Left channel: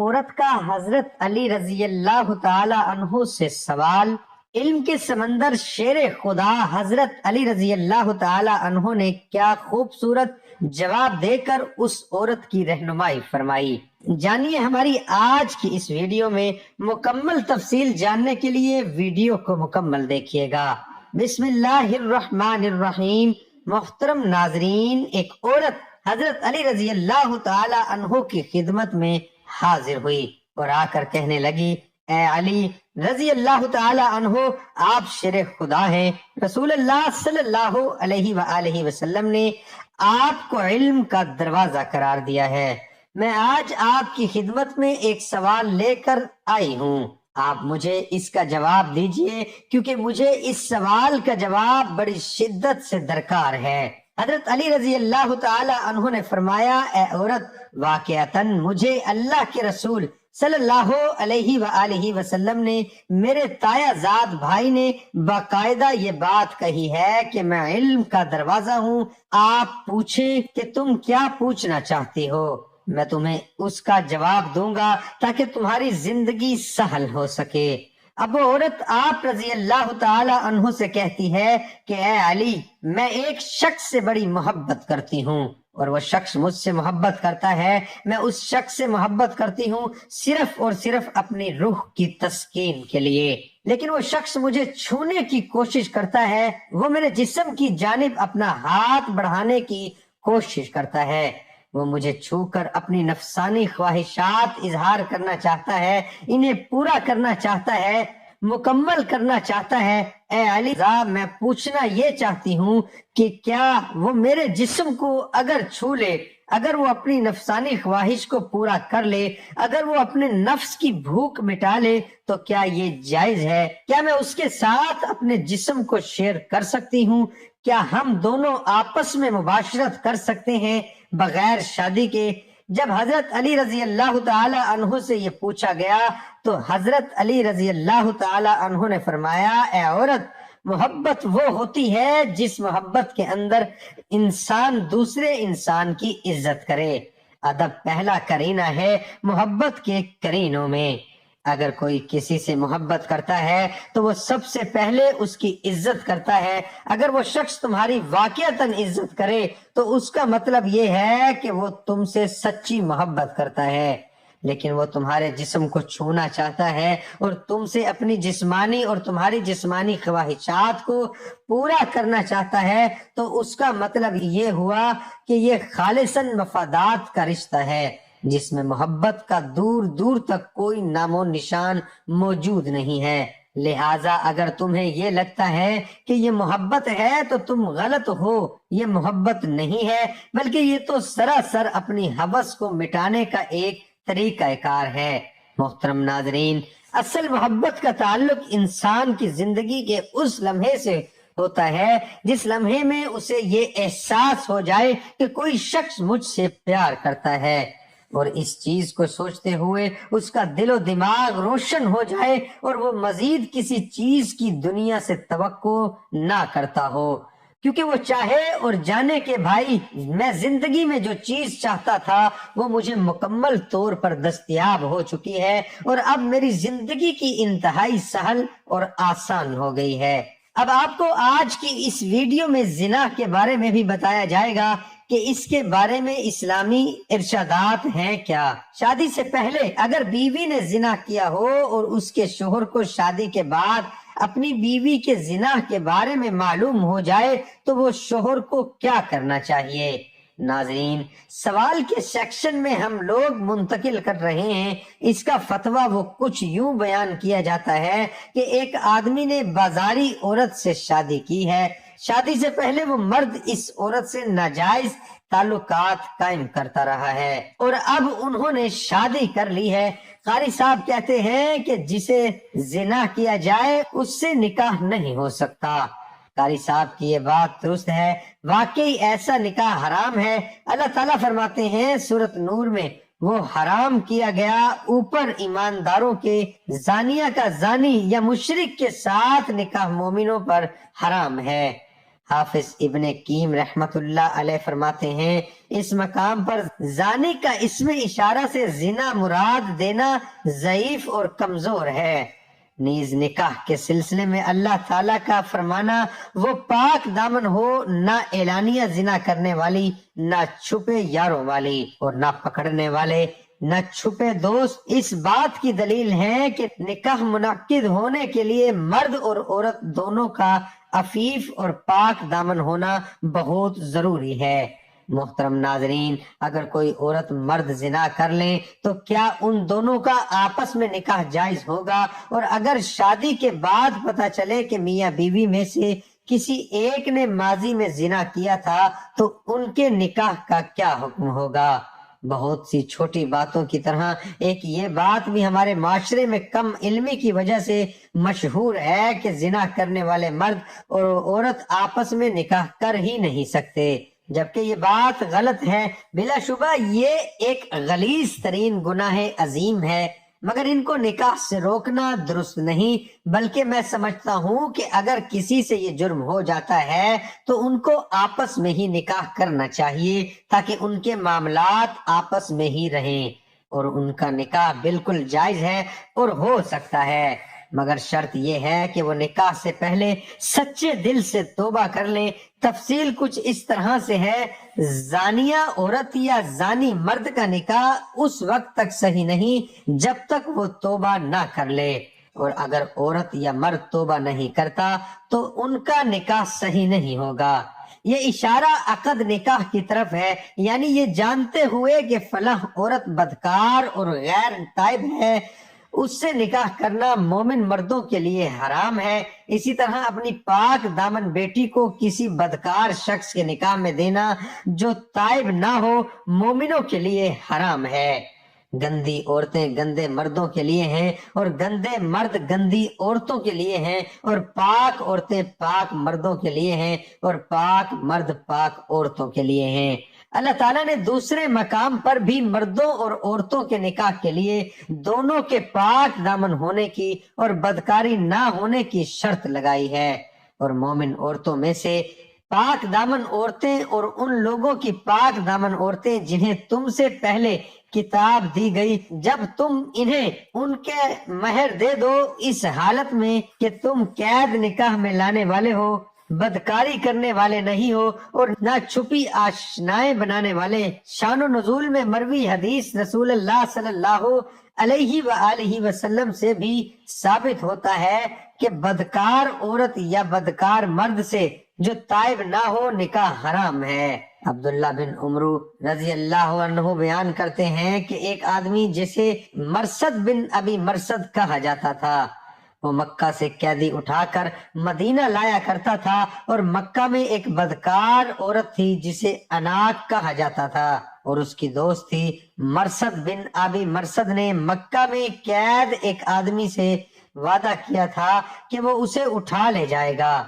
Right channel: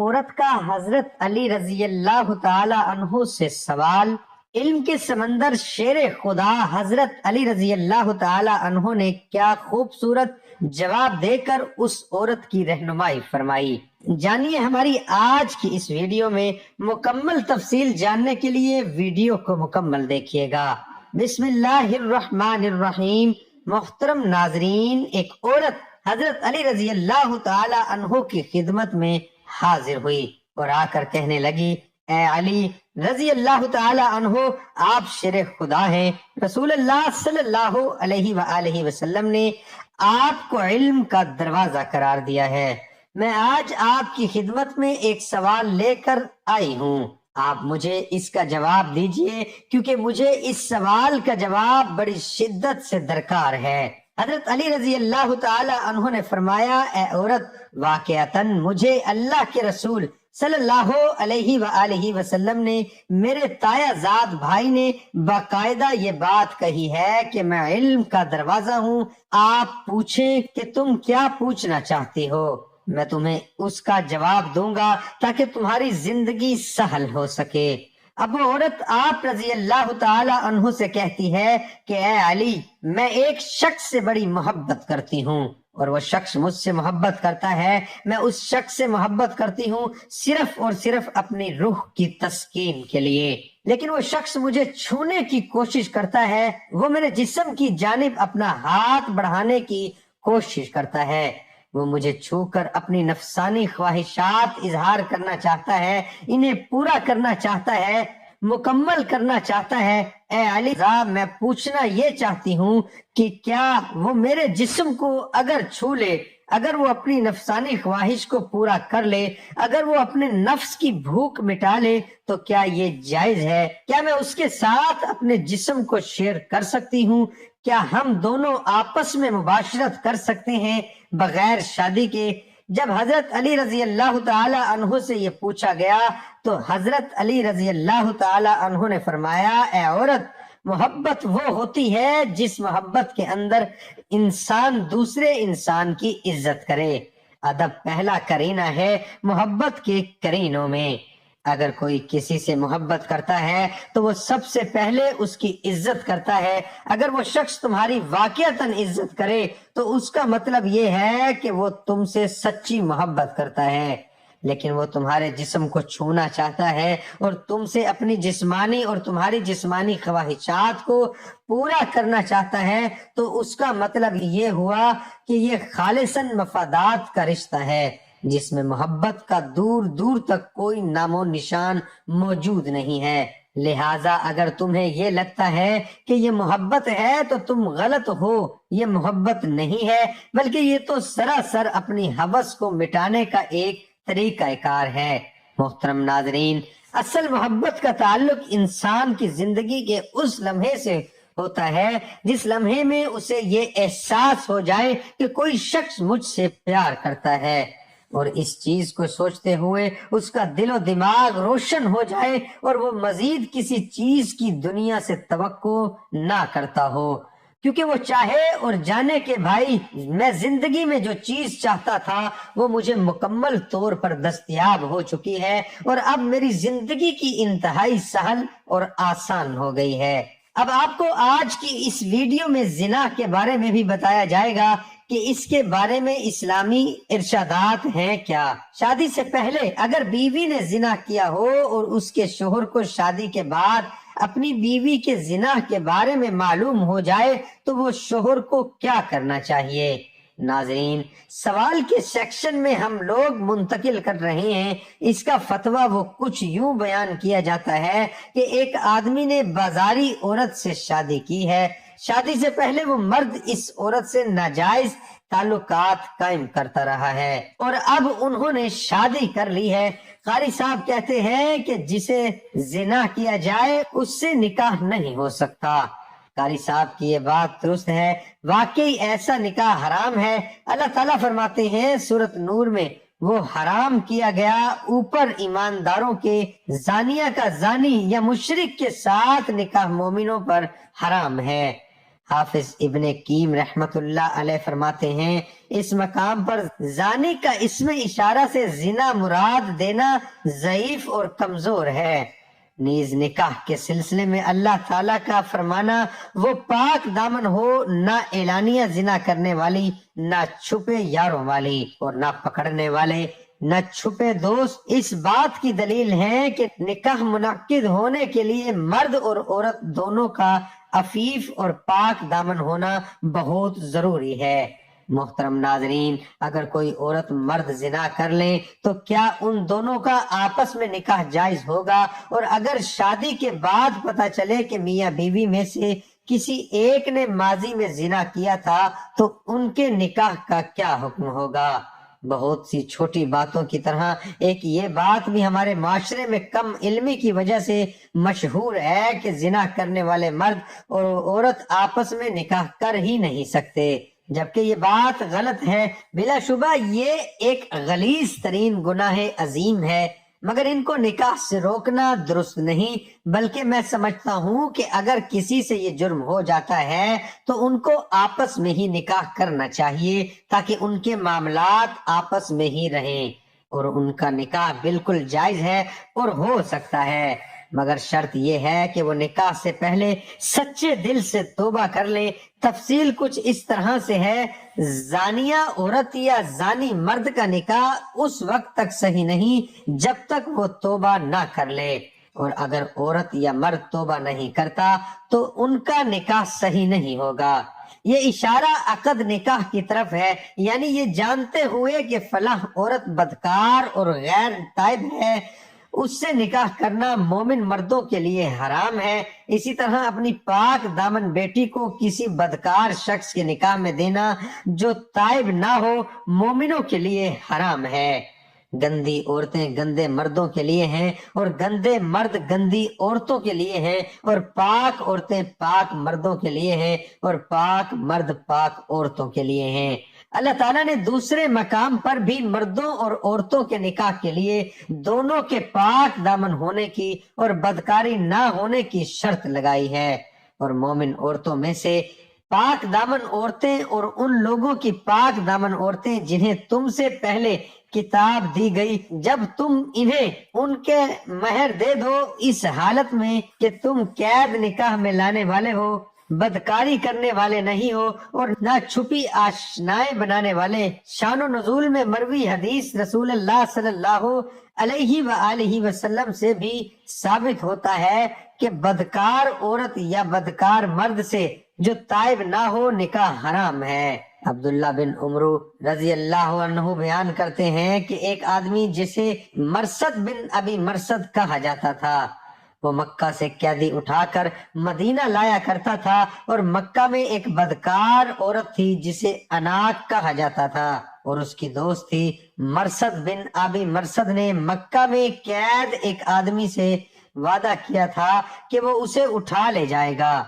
عورت کا حضرت علی رضی اللہ تعالی عنہ سے سوال۔ علم کے سمندر شیر خدا حضرت علی رضی اللہ تعالی عنہ نے کیا خوبصورت جواب دے کر اس عورت کی رہنمائی فرمائی۔ جانیے ہماری آج کی اس ویڈیو میں مکمل تفصیل جاننے کے لیے ویڈیو کو مکمل دیکھیے گا۔ بسم اللہ الرحمن الرحیم۔ محترم ناظرین، ایک عورت حضرت علی رضی اللہ تعالی عنہ کی خدمت میں حاضر ہوئی اور آ کر کہنے لگی، اے علی رضی اللہ تعالی عنہ، آپ شیر خدا ہیں۔ رسول اللہ صلی اللہ علیہ وآلہ وسلم نے آپ کو علم کا دروازہ قرار دیا ہے۔ میں آج آپ کی خدمت میں ایک سوال لے کر آئی ہوں، آپ مجھے اس کا جواب دیجئے، کیونکہ مجھے اس سوال کا جواب بڑی شدت سے درکار ہے۔ حضرت علی رضی اللہ تعالی عنہ نے فرمایا، اے عورت، واقعتاً مجھے اللہ کے رسول صلی اللہ علیہ وآلہ وسلم نے، میرے تایا زاد بھائی نے باقاعدہ یہ بات کہی ہے کہ میں علم کا دروازہ ہوں۔ آپ پوچھیں کہ تم کیا پوچھنا چاہتی ہو، میں تمہیں اس کا جواب دوں گا تاکہ تمہاری زندگی سہل ہو سکے۔ اب وہ عورت آپ رضی اللہ تعالی عنہ سے کہتی ہے کہ اے علی، میں ایک شخص سے بڑی محبت کرتی ہوں اور وہ شخص مجھ سے محبت کرتا ہے۔ میں اس شخص سے محبت کرتی ہوں صرف اور صرف اپنی روح کی تسکین کے لیے، لیکن وہ شخص مجھے چھونے کی کوشش کرتا ہے، وہ میرے جسم کی جانب اپنا ہاتھ بڑھانے کی کوشش کرتا ہے، وہ مجھے چھو کر اپنی نفسانی خواہشات اظہار کرنا چاہتا ہے، انہیں پورا کرنا چاہتا ہے، مکمل کرنا چاہتا ہے۔ اے علی، میں پوچھنا یہ چاہتی ہوں کہ کیا وہ میرے جسم کو اگر چھو لے، اگر وہ اپنی نفسانی خواہش کو پورا کر لے، اگر وہ اپنے نفس کی بھوک مٹا لے تو کیا یہ جائز ہے؟ کیا میں اس کے ساتھ اپنے جسم کو شیئر کر سکتی ہوں؟ کیا ہم دونوں آپس میں مباشرت کر سکتے ہیں بغیر شادی کے؟ جب حضرت علی رضی اللہ تعالی عنہ سے یہ پوچھا گیا تو حضرت علی رضی اللہ تعالی عنہ نے فرمایا، اے عورت، محبت وہ ہوتی ہے جس محبت کے اندر انسان دوسرے انسان کی عزت کرے۔ ادب پہلا کرینہ ہے محبت کے کرینوں میں۔ اگر کوئی کسی سے محبت کرتا ہے تو وہ سب سے پہلے اس کی عزت کرتا ہے۔ اگر وہ شخص تمہاری واقعتاً عزت کرے تو اس کا مطلب یہ ہے کہ وہ تم سے سچی محبت کرتا ہے، لیکن وہ تمہارے جسم کو چھونا چاہتا ہے اور تم سے اپنی جسمانی اور تمہاری جسمانی خواہشات کو پورا کرنا چاہتا ہے، تو اس کا مطلب یہ ہوا کہ یہ خالصاً مفادات کا رشتہ ہے جس میں محبت کا دور دور تک کوئی نام و نشان موجود نہیں ہے۔ لہٰذا اگر تمہیں یہ لگتا ہے کہ یہ محبت ہے تو تم غلط ہو، یہ محبت نہیں ہے، بلکہ یہ تو سراسر اپنی ہوس کو مٹانے کا ایک طریقہ کار ہے۔ محترم ناظرین، اصل محبت کا تعلق انسان کی زندگی کے اس لمحے سے ہوتا ہے جس لمحے میں اسے یہ احساس ہو جائے کہ کوئی شخص مجھ سے پیار کرتا ہے، اور اس چیز کو سوچتے ہوئے اس کا دل و دماغ روشن ہو جائے اور وہ مزید کسی چیز کی دنیا سے توقع نہ کرتا ہو، کیونکہ وہ چاہے اور جانے کہ بھائی، میں زندگی میں جو چیز چاہتا تھا وہ مجھے مکمل طور پر دستیاب ہو چکی ہے اور اب میری زندگی کی انتہائی سہل اور آسان ہو گئی ہے۔ اب آپ کو آج کی اس ویڈیو میں زنا کے بارے میں بھی بتایا جائے گا کہ اس کے بارے میں اسلامی ارشادات ہیں کیا۔ شادی سے پہلے اگر بیوی نے زنا کیا ہو اور اس کے شوہر کو شادی کے بعد اپنی بیوی کے زنا کے بارے میں معلوم ہو جائے تو وہ شوہر کو کیا کرنا چاہیے؟ ناظرین، سوال کے سیکشن میں ہم لوگ منتقل کر رہے ہیں۔ اس کا فتویٰ وہ کچھ یوں بیان کیا جاتا ہے کہ ایک آدمی نے بازاری عورت سے شادی کی ہے، شادی سے پہلے وہ مرد اس عورت سے ناجائز تعلقات قائم کرتا رہا ہے اور اب انہوں نے شادی کر لی ہے۔ قاری صاحب کہتے ہیں کہ جسے زنا کیا جائے اس سے نکاح نہیں ہو سکتا۔ قاری صاحب کی یہ بات درست ہے، واقعی ایسا نکاح حرام ہے۔ اللہ تعالیٰ فرماتے ہیں سورۃ نور میں، وہ حرام کیا گیا اوپر ایمانداروں کے زانیہ کا زانی یا مشرک کے ساتھ نکاح مومنوں پر حرام ہے۔ حافظ ابن کیم رحمت اللہ علیہ فرماتے ہیں اس مقام پر زانی کا اسم اشارہ سے زنا مراد دینا ضعیف اور کمزور ہے۔ نیز نکاح کے سلسلے میں اللہ تعالیٰ کا فرمانا وہ پاک دامن ہو، نہ اعلانیہ زنا کرنے والی، نہ چھپے یاروں والی، اور نہ پکڑنے والے، نہ چھپے دوست، اس بات کی دلیل ہے کہ نکاح منعقد ہونے کے لیے مرد اور عورت دونوں کا عفیف اور پاک دامن ہونا بہت ضروری ہے۔ محترم ناظرین، اگر کوئی عورت مرد زنا کر لیں تو کیا ان دونوں کا آپس میں نکاح جائز ہوگا؟ اور اگر شادی کے بعد پتہ چلے کہ میاں بیوی میں سے کسی ایک نے ماضی میں زنا کیا تھا تو ان کے نکاح کا کیا حکم ہوگا؟ بہت سی چھوٹی باتوں کی طرح ایک یہ بات بھی ہمارے معاشرے میں کم علمی کی وجہ سے مشہور ہے کہ زنا کرنے والے مرد اور عورت آپس میں نکاح کر ہی نہیں سکتے، جبکہ یہ بات غلط ہے۔ بلا شبہ یہ ایک غلیظ ترین گناہ عظیم ہے، مگر ان کو نکاح سے روکنا درست نہیں، بلکہ میں سمجھتا ہوں کہ اگر کسی سے یہ جرم ہو جاتا ہے تو ان کو آپس میں ہی نکاح کرنا چاہیے تاکہ ان کے معاملات آپس میں ہی رہیں، اور ان کا نکاح بالکل جائز ہے اور ہو سکتا ہے، مگر شرط یہ ہے کہ وہ نکاح سے پہلے سچے دل سے توبہ کر لے۔ تفصیل کچھ اس طرح سے ہے، زانیہ عورت یا زانی مرد کا نکاح اس وقت تک صحیح نہیں جب تک وہ توبہ نہ کر لے، اور اگر عورت یا مرد توبہ نہیں کرتا تو ان کا نکاح صحیح نہیں ہوگا۔ یہ اشارہ عقد نکاح کی طرف ہے، یعنی یہ جانتے ہوئے کہ فلاں عورت بدکار اور غیر تائب ہے، اس سے نکاح کرنا مومن مردوں کے لیے حرام ہے۔ اسی طرح اپنی پاک دامن بیٹی کو کسی بدکار شخص کے نکاح میں دینا جو تائب نہ ہو مومنوں کے لیے حرام ہے۔ گندی عورتیں گندے مردوں کے لیے ہیں، اور گندے مرد گندی عورتوں کے لیے ہیں، اور پاک عورتیں پاک مردوں کے لیے ہیں، اور پاک مرد پاک عورتوں کے لیے ہیں۔ اللہ تعالیٰ نے دوسرے مقام پر بھی مردوں اور عورتوں کے نکاح کے لیے دونوں کے پاک دامن ہونے کی اور بدکاری نہ ہونے کی شرط لگائی ہے، اور مومن عورتوں میں سے پاک دامن عورتیں اور ان لوگوں کی پاک دامن عورتیں جنہیں تم سے پہلے کتاب دی گئی، جب تم انہیں ان کے مہر دے دو اس حالت میں کہ تم قید نکاح میں لانے والے ہو، بدکاری کرنے والے نہیں ہو، اور نہ چھپی آشنائیں بنانے والے۔ شان و نزول میں مروی حدیث رسول اللہ صلی اللہ علیہ وآلہ وسلم سے بھی ثابت ہوتا ہے کہ بدکار عورت یا بدکار مرد سے جو تائب نہ ہو نکاح حرام ہے۔ عبداللہ بن عمر رضی اللہ عنہ بیان کرتے ہیں کہ ایک آدمی جسے مرثد بن ابی مرثد کہا جاتا تھا، وہ مکہ سے قیدی اٹھا کر مدینہ لایا کرتا تھا، اور مکہ میں ایک بدکار عورت تھی جسے اناق کہا جاتا تھا، اور اس کی دوست تھی۔ مرثد بن ابی مرثد نے مکہ میں قید ایک آدمی سے وعدہ کیا تھا کہ وہ اسے اٹھا لے جائے گا۔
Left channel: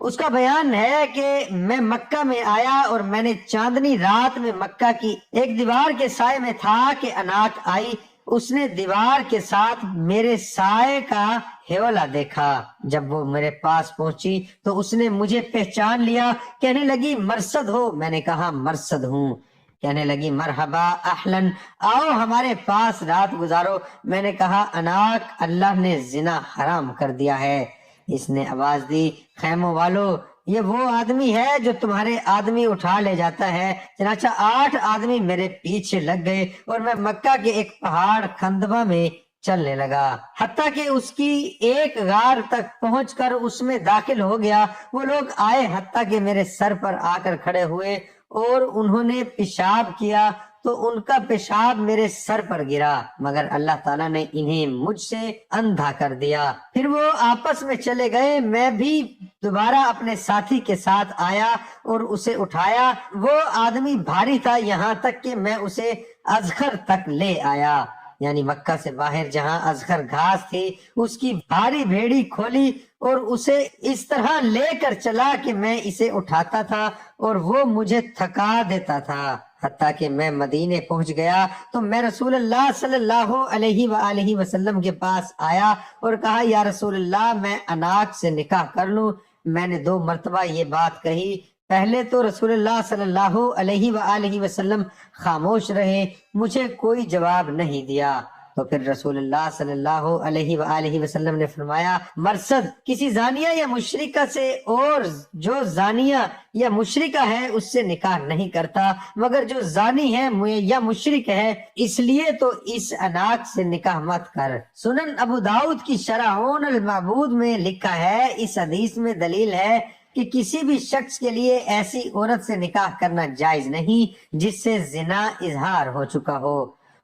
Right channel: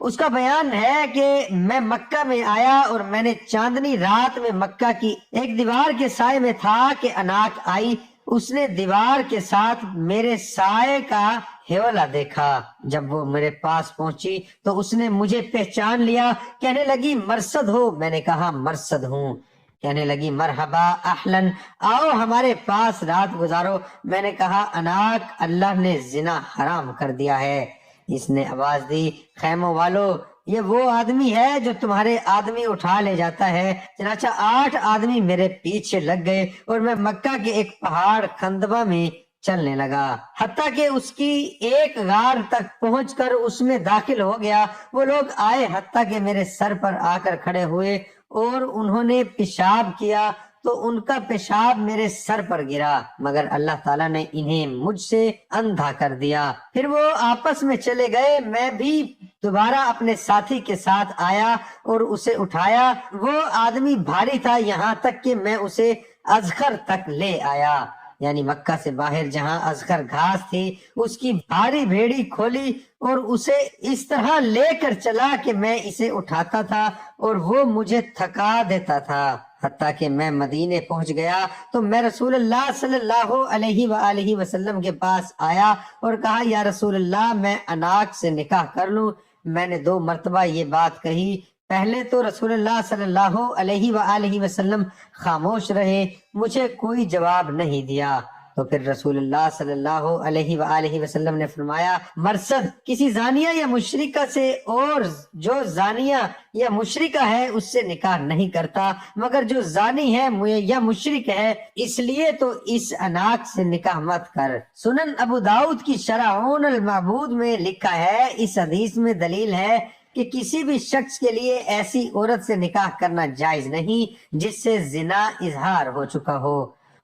اس کا بیان ہے کہ میں مکہ میں آیا اور میں نے چاندنی رات میں مکہ کی ایک دیوار کے سائے میں تھا کہ اناق آئی، اس نے دیوار کے ساتھ میرے سائے کا ہیولا دیکھا۔ جب وہ میرے پاس پہنچی تو اس نے مجھے پہچان لیا، کہنے لگی مرثد ہو؟ میں نے کہا مرثد ہوں۔ کہنے لگی مرحبا اہلن، آؤ ہمارے پاس رات گزارو۔ میں نے کہا اناق، اللہ نے زنا حرام کر دیا ہے۔ اس نے آواز دی، خیموں والو، یہ وہ آدمی ہے جو تمہارے آدمی اٹھا لے جاتا ہے۔ چنانچہ 8 آدمی میرے پیچھے لگ گئے اور میں مکہ کے ایک پہاڑ خندبہ میں چلنے لگا، حتیٰ کہ اس کی ایک غار تک پہنچ کر اس میں داخل ہو گیا۔ وہ لوگ آئے حتیٰ کہ میرے سر پر آ کر کھڑے ہوئے اور انہوں نے پیشاب کیا تو ان کا پیشاب میرے سر پر گرا، مگر اللہ تعالیٰ نے انہیں مجھ سے اندھا کر دیا۔ پھر وہ آپس میں چلے گئے، میں بھی دوبارہ اپنے ساتھی کے ساتھ آیا اور اسے اٹھایا۔ وہ آدمی بھاری تھا، یہاں تک کہ میں اسے اذخر تک لے آیا، یعنی مکہ سے باہر جہاں اذخر گھاس تھی، اس کی بھاری بھیڑی کھولی اور اسے اس طرح لے کر چلا کہ میں اسے اٹھاتا تھا اور وہ مجھے تھکا دیتا تھا۔ حتیٰ کہ میں مدینے پہنچ گیا تو میں رسول اللہ صلی اللہ علیہ وآلہ وسلم کے پاس آیا اور کہا، یا رسول اللہ، میں اناق سے نکاح کر لوں؟ میں نے 2 مرتبہ یہ بات کہی۔ پہلے تو رسول اللہ صلی اللہ علیہ وآلہ وسلم خاموش رہے، مجھے کوئی جواب نہیں دیا۔ تو پھر رسول اللہ صلی اللہ علیہ وآلہ وسلم نے فرمایا، مرصد کسی زانیہ یا مشرکہ سے، اور جو زانیہ یا مشرکہ ہے اس سے نکاح نہیں کرتا، مگر جو زانی ہے یا مشرک ہے، اس لیے تو اس اناق سے نکاح مت کر۔ سنن ابو داؤد کی شرح عون المعبود میں لکھا ہے، اس حدیث میں دلیل ہے کہ کسی بھی شخص کے لیے ایسی عورت سے نکاح کرنا جائز نہیں جس سے زنا اظہار ہو چکا ہو،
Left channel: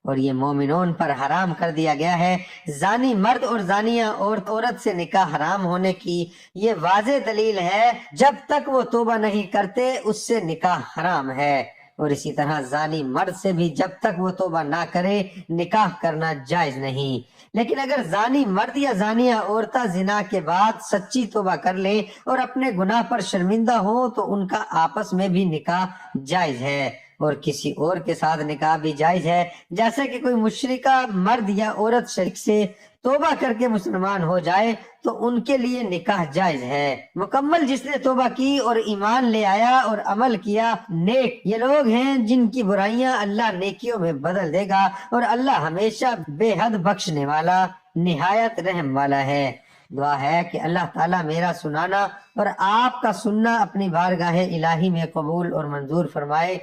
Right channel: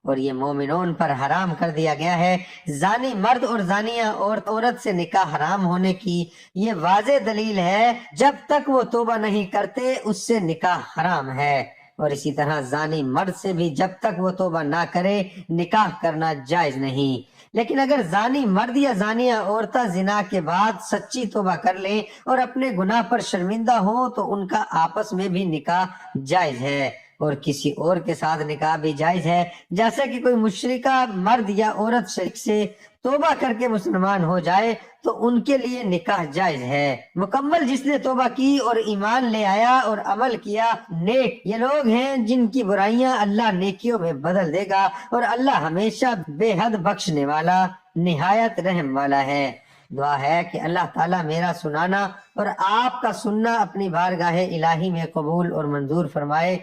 اور یہ مومنون پر حرام کر دیا گیا ہے۔ زانی مرد اور زانیہ عورت سے نکاح حرام ہونے کی یہ واضح دلیل ہے، جب تک وہ توبہ نہیں کرتے اس سے نکاح حرام ہے، اور اسی طرح زانی مرد سے بھی جب تک وہ توبہ نہ کرے نکاح کرنا جائز نہیں۔ لیکن اگر زانی مرد یا زانیہ عورتیں زنا کے بعد سچی توبہ کر لیں اور اپنے گناہ پر شرمندہ ہوں تو ان کا آپس میں بھی نکاح جائز ہے، اور کسی اور کے ساتھ نکاح بھی جائز ہے، جیسے کہ کوئی مشرکہ مرد یا عورت شرک سے توبہ کر کے مسلمان ہو جائے تو ان کے لیے نکاح جائز ہے۔ مکمل جس نے توبہ کی اور ایمان لے آیا اور عمل کیا نیک، یہ لوگ ہیں جن کی برائیاں اللہ نیکیوں میں بدل دے گا، اور اللہ ہمیشہ بے حد بخشنے والا نہایت رحم والا ہے۔ دعا ہے کہ اللہ تعالیٰ میرا سنانا اور آپ کا سننا اپنی بارگاہ الہی میں قبول اور منظور فرمائے۔